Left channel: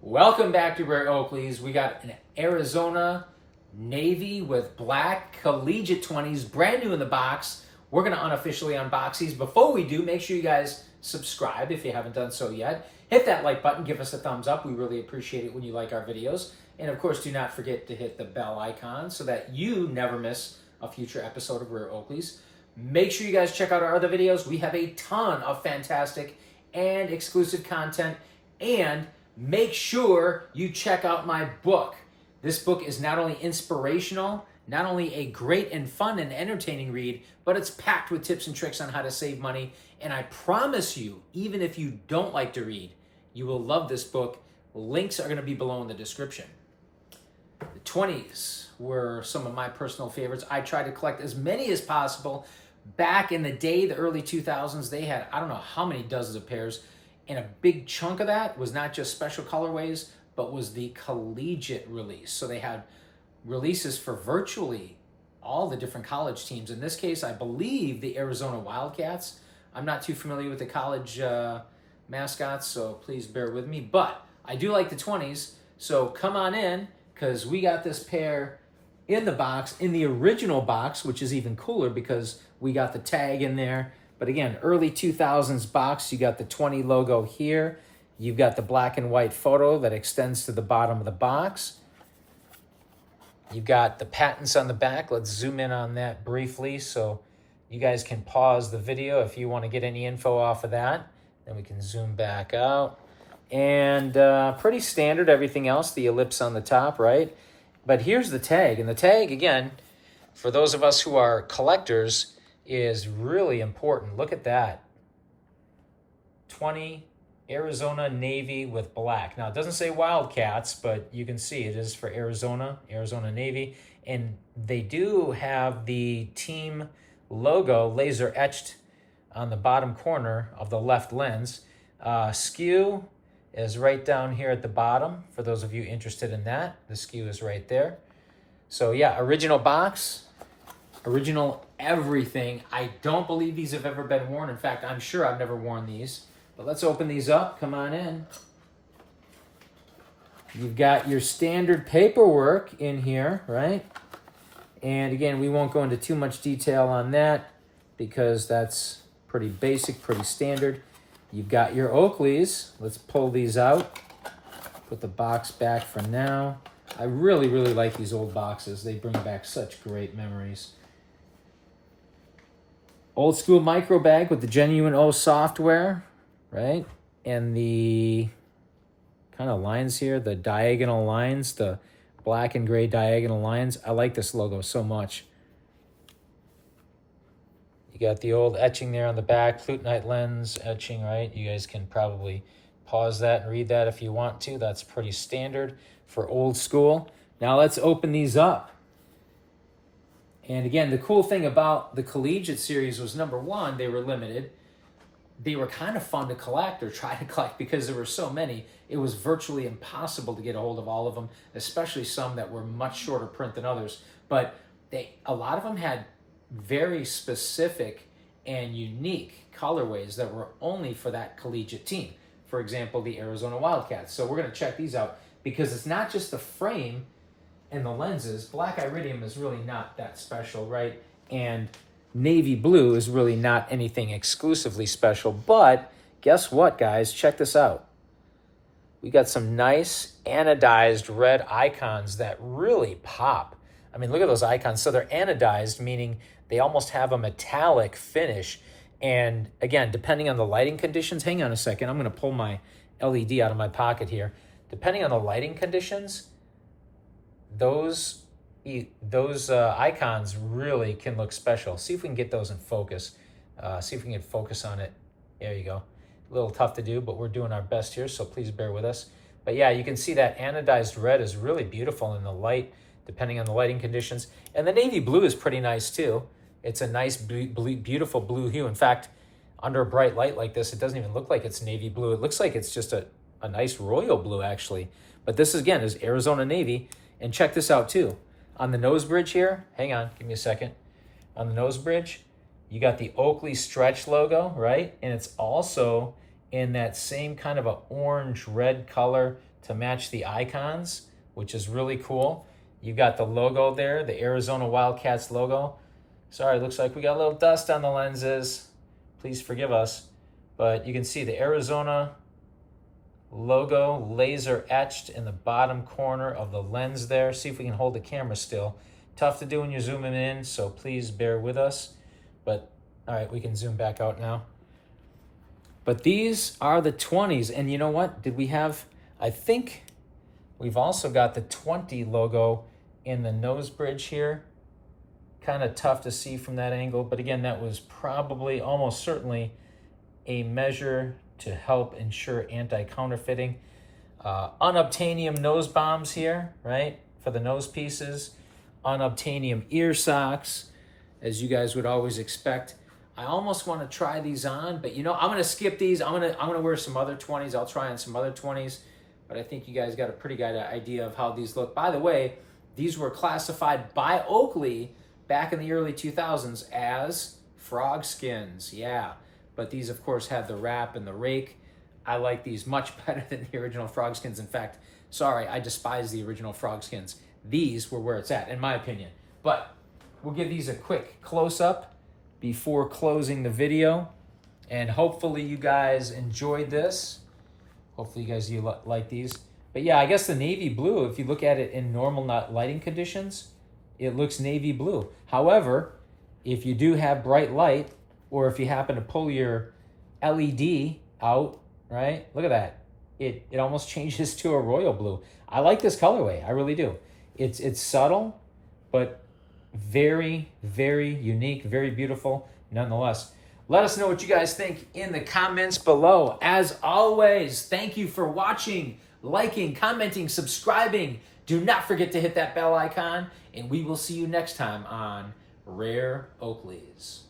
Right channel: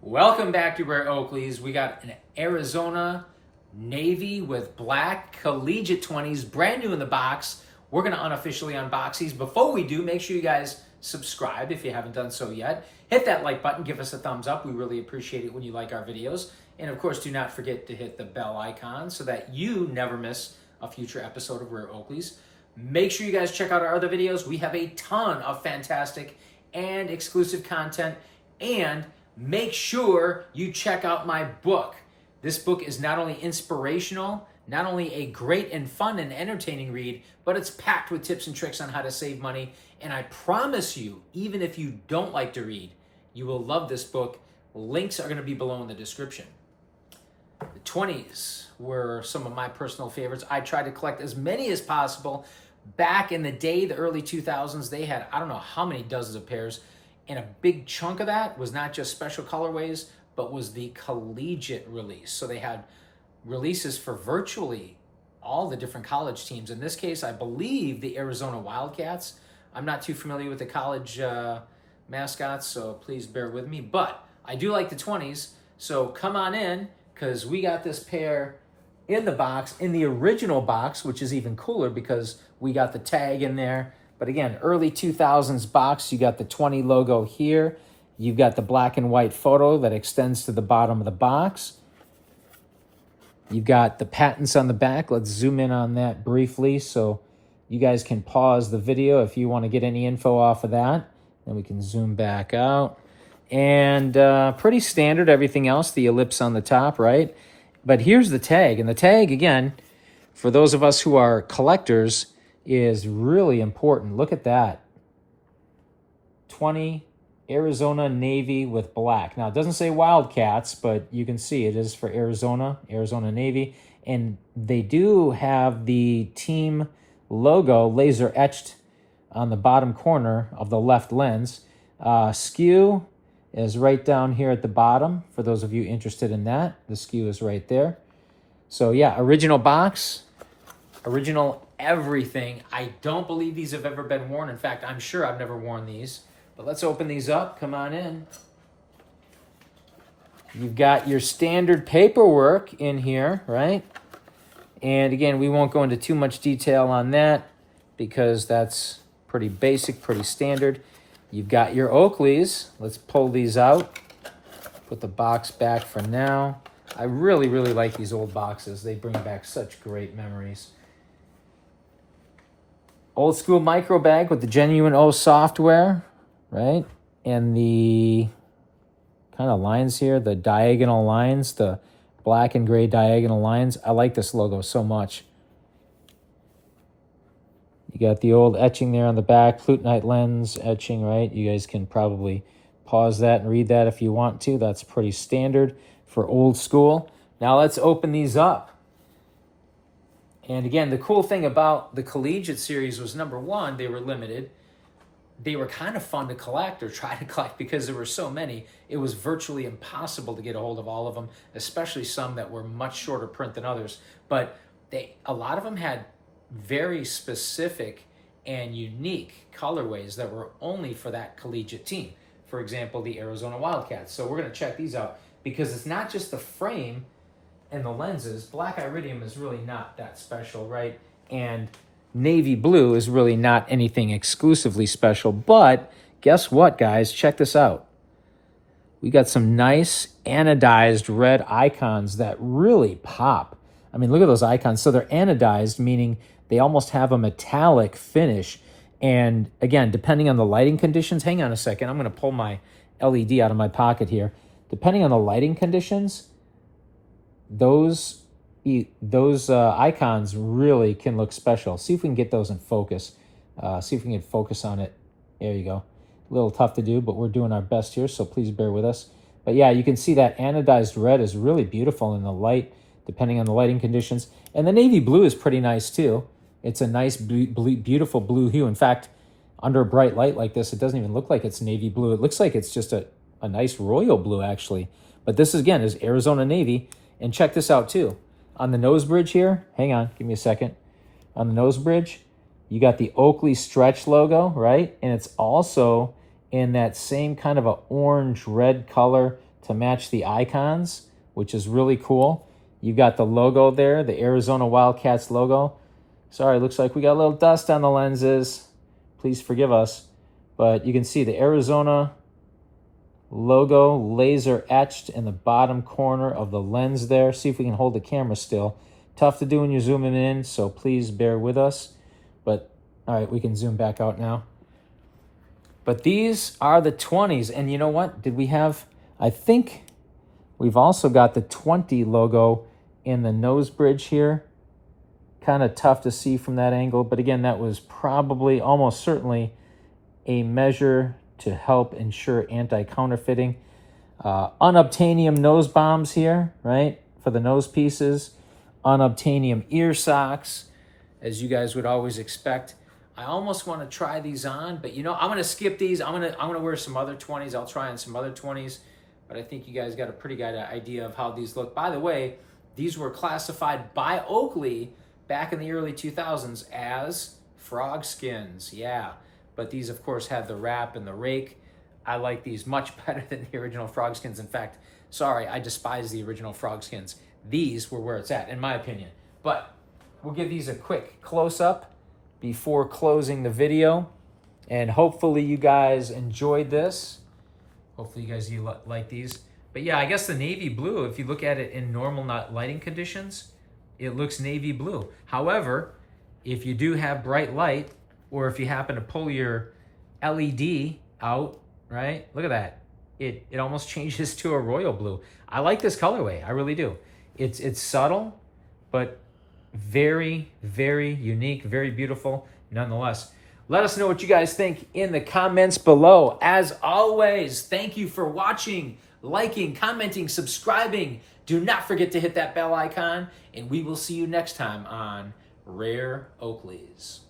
Welcome back to Rare Oakleys. We got an Arizona Navy with black collegiate 20s, brand new in the box. We're going to unofficially unbox these. Before we do, make sure you guys subscribe if you haven't done so yet. Hit that like button, give us a thumbs up. We really appreciate it when you like our videos. And of course, do not forget to hit the bell icon so that you never miss a future episode of Rare Oakleys. Make sure you guys check out our other videos. We have a ton of fantastic and exclusive content, and make sure you check out my book. This book is not only inspirational, not only a great and fun and entertaining read, but it's packed with tips and tricks on how to save money. And I promise you, even if you don't like to read, you will love this book. Links are going to be below in the description. The 20s were some of my personal favorites. I tried to collect as many as possible. Back in the day, the early 2000s, they had, I don't know how many dozens of pairs. And a big chunk of that was not just special colorways, but was the collegiate release. So they had releases for virtually all the different college teams. In this case, I believe the Arizona Wildcats. I'm not too familiar with the college mascots, so please bear with me. But I do like the 20s, so come on in, because we got this pair in the box, in the original box, which is even cooler because we got the tag in there. But again, early 2000s box, you got the 20 logo here. You've got the black and white photo that extends to the bottom of the box. You've got the patents on the back. Let's zoom in on that briefly so you guys can pause the video if you want to get any info off of that. Then we can zoom back out. And pretty standard, everything else, the ellipse on the top, right? But here's the tag. And the tag, again, for those of us who are collectors, is really important. Look at that. 20 Arizona Navy with black. Now, it doesn't say Wildcats, but you can see it is for Arizona Navy. And they do have the team logo laser etched on the bottom corner of the left lens. Skew is right down here at the bottom. For those of you interested in that, the skew is right there. So yeah, original box, original everything. I don't believe these have ever been worn. In fact, I'm sure I've never worn these. But let's open these up. Come on in. You've got your standard paperwork in here, right? And again, we won't go into too much detail on that because that's pretty basic, pretty standard. You've got your Oakleys. Let's pull these out. Put the box back for now. I really, really like these old boxes. They bring back such great memories. Old school micro bag with the genuine O software, right? And the kind of lines here, the diagonal lines, the black and gray diagonal lines. I like this logo so much. You got the old etching there on the back, Plutonite lens etching, right? You guys can probably pause that and read that if you want to. That's pretty standard for old school. Now let's open these up. And again, the cool thing about the collegiate series was, number one, they were limited. They were kind of fun to collect or try to collect because there were so many. It was virtually impossible to get a hold of all of them, especially some that were much shorter print than others. But a lot of them had very specific and unique colorways that were only for that collegiate team. For example, the Arizona Wildcats. So we're going to check these out because it's not just the frame and the lenses. Black Iridium is really not that special, right? And navy blue is really not anything exclusively special. But guess what, guys? Check this out. We got some nice anodized red icons that really pop. I mean, look at those icons. So they're anodized, meaning they almost have a metallic finish. And again, depending on the lighting conditions, hang on a second. I'm going to pull my LED out of my pocket here. Depending on the lighting conditions, those icons really can look special. See if we can get those in focus. See if we can focus on it. There you go. A little tough to do, but we're doing our best here, so please bear with us. But yeah, you can see that anodized red is really beautiful in the light, depending on the lighting conditions. And the navy blue is pretty nice too. It's a nice, beautiful blue hue. In fact, under a bright light like this, it doesn't even look like it's navy blue. It looks like it's just a nice royal blue, actually. But this, again, is Arizona Navy. And check this out, too. On the nose bridge here, hang on, give me a second. On the nose bridge, you got the Oakley stretch logo, right? And it's also in that same kind of a orange-red color to match the icons, which is really cool. You got the logo there, the Arizona Wildcats logo. Sorry, looks like we got a little dust on the lenses. Please forgive us. But you can see the Arizona logo laser etched in the bottom corner of the lens there. See if we can hold the camera still. Tough to do when you're zooming in, so please bear with us. But all right, we can zoom back out now. But these are the 20s, and you know what? Did we have, I think we've also got the 20 logo in the nose bridge here. Kind of tough to see from that angle, but again, that was probably almost certainly a measure to help ensure anti-counterfeiting. Unobtainium nose bombs here, right, for the nose pieces. Unobtainium ear socks, as you guys would always expect. I almost want to try these on, but you know, I'm gonna skip these. I'm gonna wear some other 20s. I'll try on some other 20s, but I think you guys got a pretty good idea of how these look. By the way, these were classified by Oakley back in the early 2000s as frog skins. Yeah, but these of course have the wrap and the rake. I like these much better than the original frog skins. In fact, sorry, I despise the original frog skins. These were where it's at, in my opinion. But we'll give these a quick close-up before closing the video. And hopefully you guys enjoyed this. Hopefully you guys like these. But yeah, I guess the navy blue, if you look at it in normal lighting conditions, it looks navy blue. However, if you do have bright light, or if you happen to pull your LED out, right? Look at that. It almost changes to a royal blue. I like this colorway, I really do. It's subtle, but very, very unique, very beautiful nonetheless. Let us know what you guys think in the comments below. As always, thank you for watching, liking, commenting, subscribing. Do not forget to hit that bell icon, and we will see you next time on Rare Oakleys.